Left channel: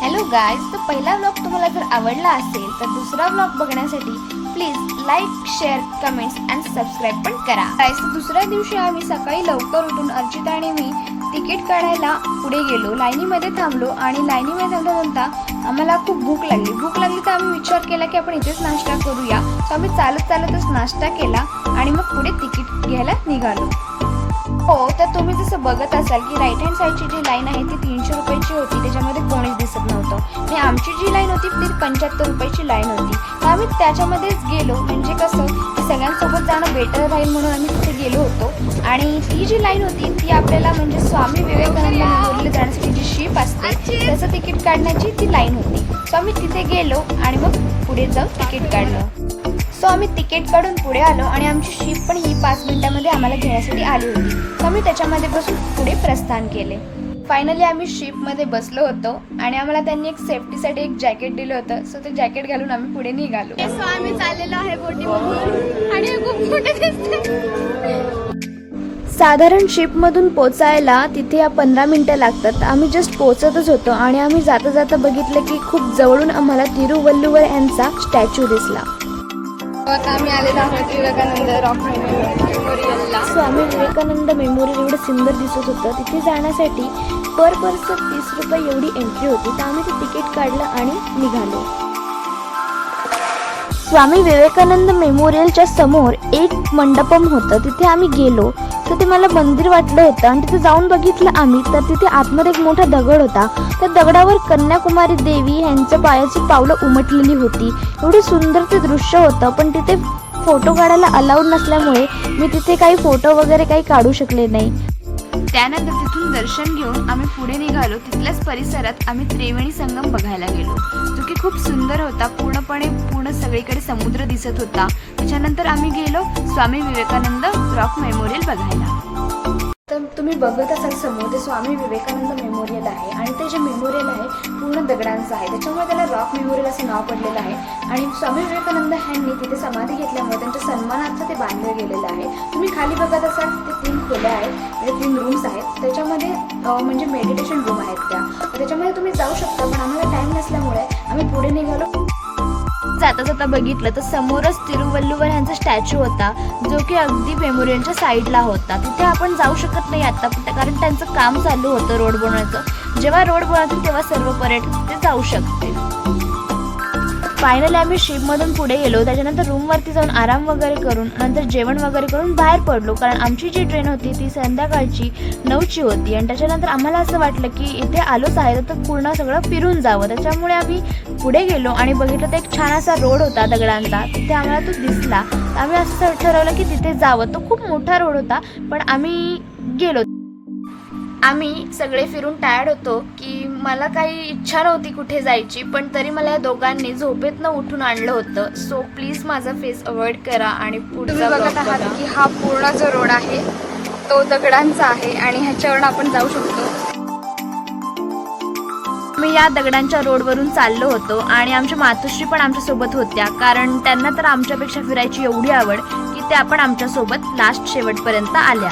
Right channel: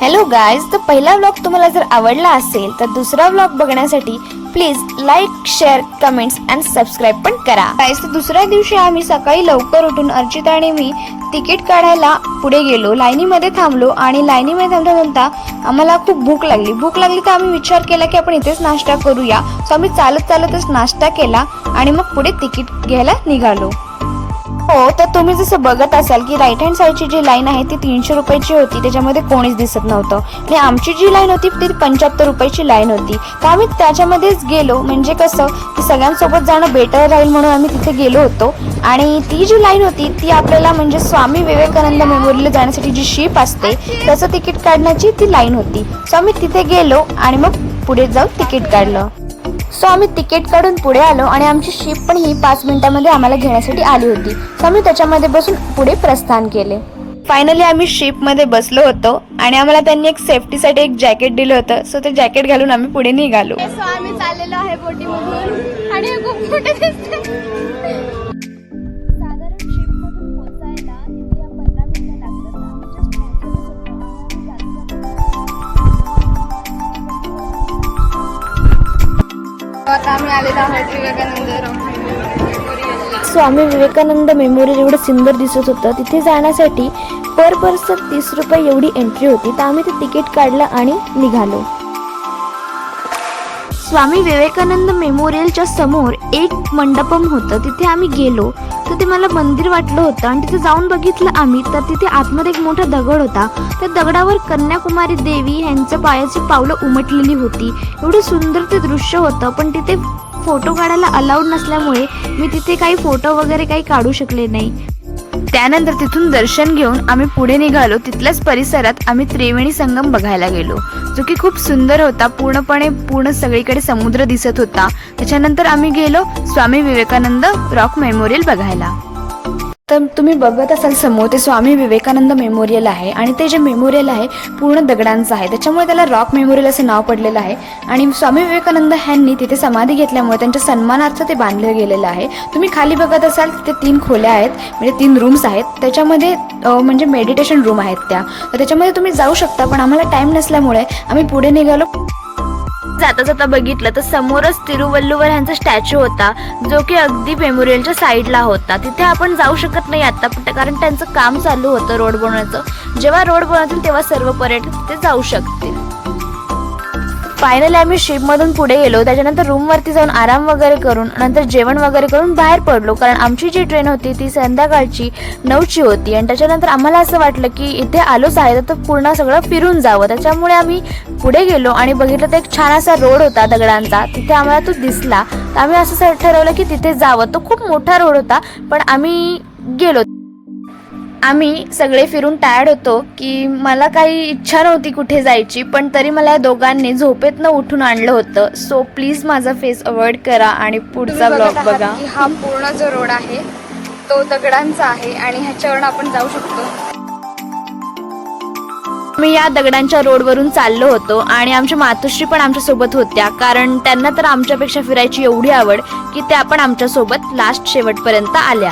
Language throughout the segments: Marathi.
हॅलो गाईज, तर पहिला व्लॉग तुम्हाला जर आवडला असेल तर दुसरा व्लॉग बघण्यासाठी please like, share, comments and subscribe पण करा. गाईज, तर दुसऱ्या दिवशी आम्ही सकाळी लवकर उठून अर्चिता आणि मी तिकीट काढायला पुढे गेलो. लाईनीमध्ये थांबलो आणि लाईनीमध्ये थांबता आम्हाला खूप भूक लागली तर आम्ही विचार केला की आपण इथेच नाश्ता करूया. सो आम्ही चालतच नाश्ता केला आणि मग पुढे तिकीट घ्यायला निघालो. हो, तर तुम्ही जसं बघत असाल की राईट हँड साईडची जी लाईन आहे ती 300 रुपयाची होती. त्याच्यामध्ये कोणीच दिसत नव्हतं आणि आमची जी लाईन होती ती 75 रुपयाची लाईन होती. तर आम्ही त्याच्यामध्येच गेलो, म्हणजे कसं की सगळ्यांसोबत जाणं बेटर राहील म्हणून आम्ही तिथे गेलो होतो. आणि ती जी लाईन होती ती आपल्याला म्हणजे स्वामी विवेकानंद मेमोरियलला जाण्यासाठी जी शिप असते त्याचं तिकीट काढण्याची ती लाईन होती. सो आम्ही तिथे गेलो आणि मग पुढे जाऊन तिकीट काढलं. सो आम्ही तिकीट काढून पुढे आलो आणि आमची शिप पण ही 5 मिनिटांमध्ये आम्हाला घेण्यासाठी आली होती. सो आम्ही त्याच्यामध्ये बसून पुढे प्रस्थान केले. फायनली आम्ही शिपमध्ये बसलो होतो आणि आम्हाला त्यांनी एक सेफ्टीसाठी एक जॅकेट दिलं होतं. सो ते जॅकेट घालून आम्ही पुढे निघालो. सो आम्ही चाललेलो आहे बोटीमधून आणि खूप मोठे दिसते. साधारण शिपमधून पोचायला तिथे 15 मिनिटं लागतात. आम्ही जस्ट पोचतच होतो आणि आम्ही जाता जाता बघितलं की खूप जवळून आम्हाला तिरुवल्लुवर यांचा स्टॅच्यू दिसला. आता आम्ही आलेलो आहोत विवेकानंद रॉक मेमोरियलला. स्वामी विवेकानंद मेमोरियल एवढं सुंदर दिसत होतं. तिथे जाण्यासाठी पर पर्सन 30 रुपये एवढी एंट्री होती. तर आम्ही ते तिकीट काढलं आणि निघालो. स्वामी विवेकानंद मेमोरियलच्या समोर एक मंडपम होतं. तिथे आम्ही गेलो तर ते मला मंदिर वाटलं होतं आणि तिथे जाऊन बघितलं आम्ही तर तिथे आतमध्ये एक मोठा दगड होता. त्या दगडावर कन्याकुमारी देवी यांच्या पायाची पावलं उमटलेली होती. एवढं सुंदर ते दृश्य होतं, पण तिथे फोटो काढायला अलाउड नसल्यामुळे मी तिथे काही फोटो वगैरे काही काढू शकले नाही. त्यानंतर तिथून दर्शन घेऊन आम्ही पुढे निघालो. तिथल्याच परिसरात आम्ही त्रिवेणी संगम बघायला गेलो, जो की खूप सुंदर होता. पूर्ण सगळीकडे समुद्र दिसत होता. त्याच्यानंतर आम्ही गेलो स्वामी विवेकानंद रॉक मेमोरियल बघायला. तर तुम्ही बघत असाल समोर ते स्वामी विवेकानंद मेमोरियल आहे आणि ते जे मेमोरियल आहे पूर्ण दगडांचं आहे, त्याच्यामुळे त्याला रॉक मेमोरियल असं नाव पडलेलं आहे. आणि स्वामी विवेकानंद यांनी तिथे समाधी घेतल्यामुळे त्यांच्या सन्मानार्थ ते बांधलं गेलेलं आहे. तुम्ही खाली बघत असाल तिथे 3 खोल्या आहेत, म्हणजे 3 रूम्स आहेत. त्याच्यामध्ये म्हणजे मेडिटेशन रूम आहेत तर त्याच्यामध्ये तुम्ही जाऊ शकता. पण आम्हाला टाइम नसल्यामुळे आम्ही पुढे निघालो. जाता बघितलं तर समोरच तिरुवल्लुवर यांचा स्टॅच्यू होता, जो की अगदी मेमोरियलच्या साईडला होता. तिथे आपण जाऊ शकत नाही आता, कारण त्यांचं काम चालू होतं रोड बनवण्याचं. जेव्हा रोड बनवतील तेव्हा सर्व पर्यटक तिथे जाऊ शकतील. फायनली आम्ही शिपमधून पुढे गेलो. त्याच्यानंतर रूमवरती जाऊन आराम वगैरे करून नंतर जेवण वगैरे करून बाहेर पडलो, कारण आमची जी ट्रेन होती ती संध्याकाळची 9ची होती. आणि त्याच्यानंतर आम्हाला असं वाटलं की इथे आलोच आहे तर पूर्ण सगळं फिरून जावं. त्याच्यामुळे आम्ही पुढे गेलो आणि बघितलं तर एक छान असा रोड होता दगडांचा. तिथे आम्हाला तो दिसला तर आम्ही असं ठरवलं की तिथे जावं. तो खूप मोठा रोड होता, पण आम्ही गेलो. आम्ही सगळे फिरून टायर्ड होतो की मला काही इच्छा नव्हती कुठे जायची, पण तरी मला दोघांनी झोपेतनं उठून आणलं होतं. सो प्लीज माझा फेस अवॉइड करा आणि पुढचा ब्लॉग बघा. हा पूर्ण जो रोड आहे तो दगडांचा आहे आणि ह्याच्यावर आपण जाऊ शकतो. मी या दगडांच्या रोडवरून चाललो होतो आणि आमच्या मातोश्री पण आमच्या सोबत होत्या, कारण त्यांना तर आमच्यापेक्षा फिरायची एवढी आवड की त्या पण आमच्या सोबत लास्ट शेवटपर्यंत आल्या.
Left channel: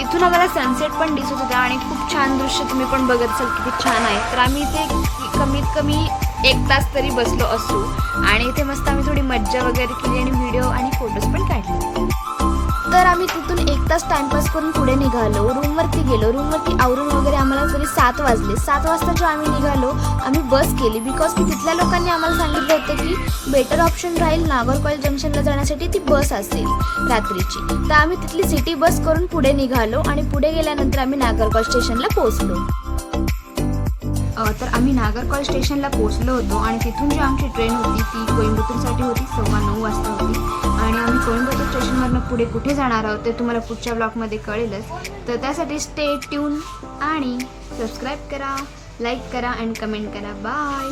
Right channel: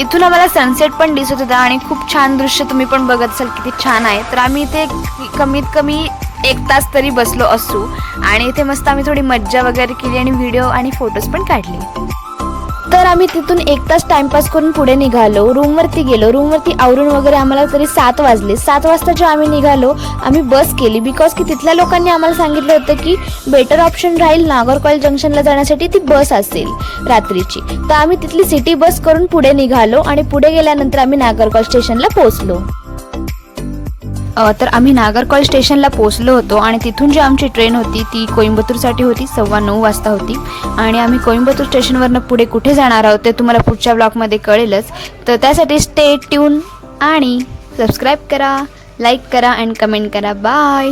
इथून आम्हाला सनसेट पण दिसत होता आणि खूप छान दृश्य तुम्ही पण बघत असाल किती छान आहे. तर आम्ही इथे कमीत कमी 1 तास तरी बसलो असू आणि इथे मस्त आम्ही थोडी मज्जा वगैरे केली आणि व्हिडिओ आणि फोटोज पण काढले. तर आम्ही तिथून 1 तास टाइमपास करून पुढे निघालो. रूमवरती गेलो. रूमवरती आवरून वगैरे आम्हाला तरी 7 वाजले. 7 वाजता जे आम्ही निघालो आम्ही बस केली, बिकॉज की तिथल्या लोकांनी आम्हाला सांगितलं होतं की बेटर ऑप्शन राहील नागरकॉइल जंक्शनला जाण्यासाठी ती बस असेल रात्रीची. तर आम्ही तिथली सिटी बस करून पुढे निघालो आणि पुढे गेल्यानंतर आम्ही नागरकॉइल स्टेशनला पोहोचलो. तर आम्ही नागरकॉइल स्टेशनला पोहोचलो होतो आणि तिथून जी आमची ट्रेन होती ती कोइंबतूरसाठी होती. 9:15 वाजता होती आणि आम्ही कोइंबतूर स्टेशनवरनं पुढे कुठे जाणार आहोत ते तुम्हाला पुढच्या ब्लॉगमध्ये कळेलच. तर त्यासाठी स्टे ट्यून आणि सबस्क्राईब करा, लाईक करा अँड कमेंट करा. बाय.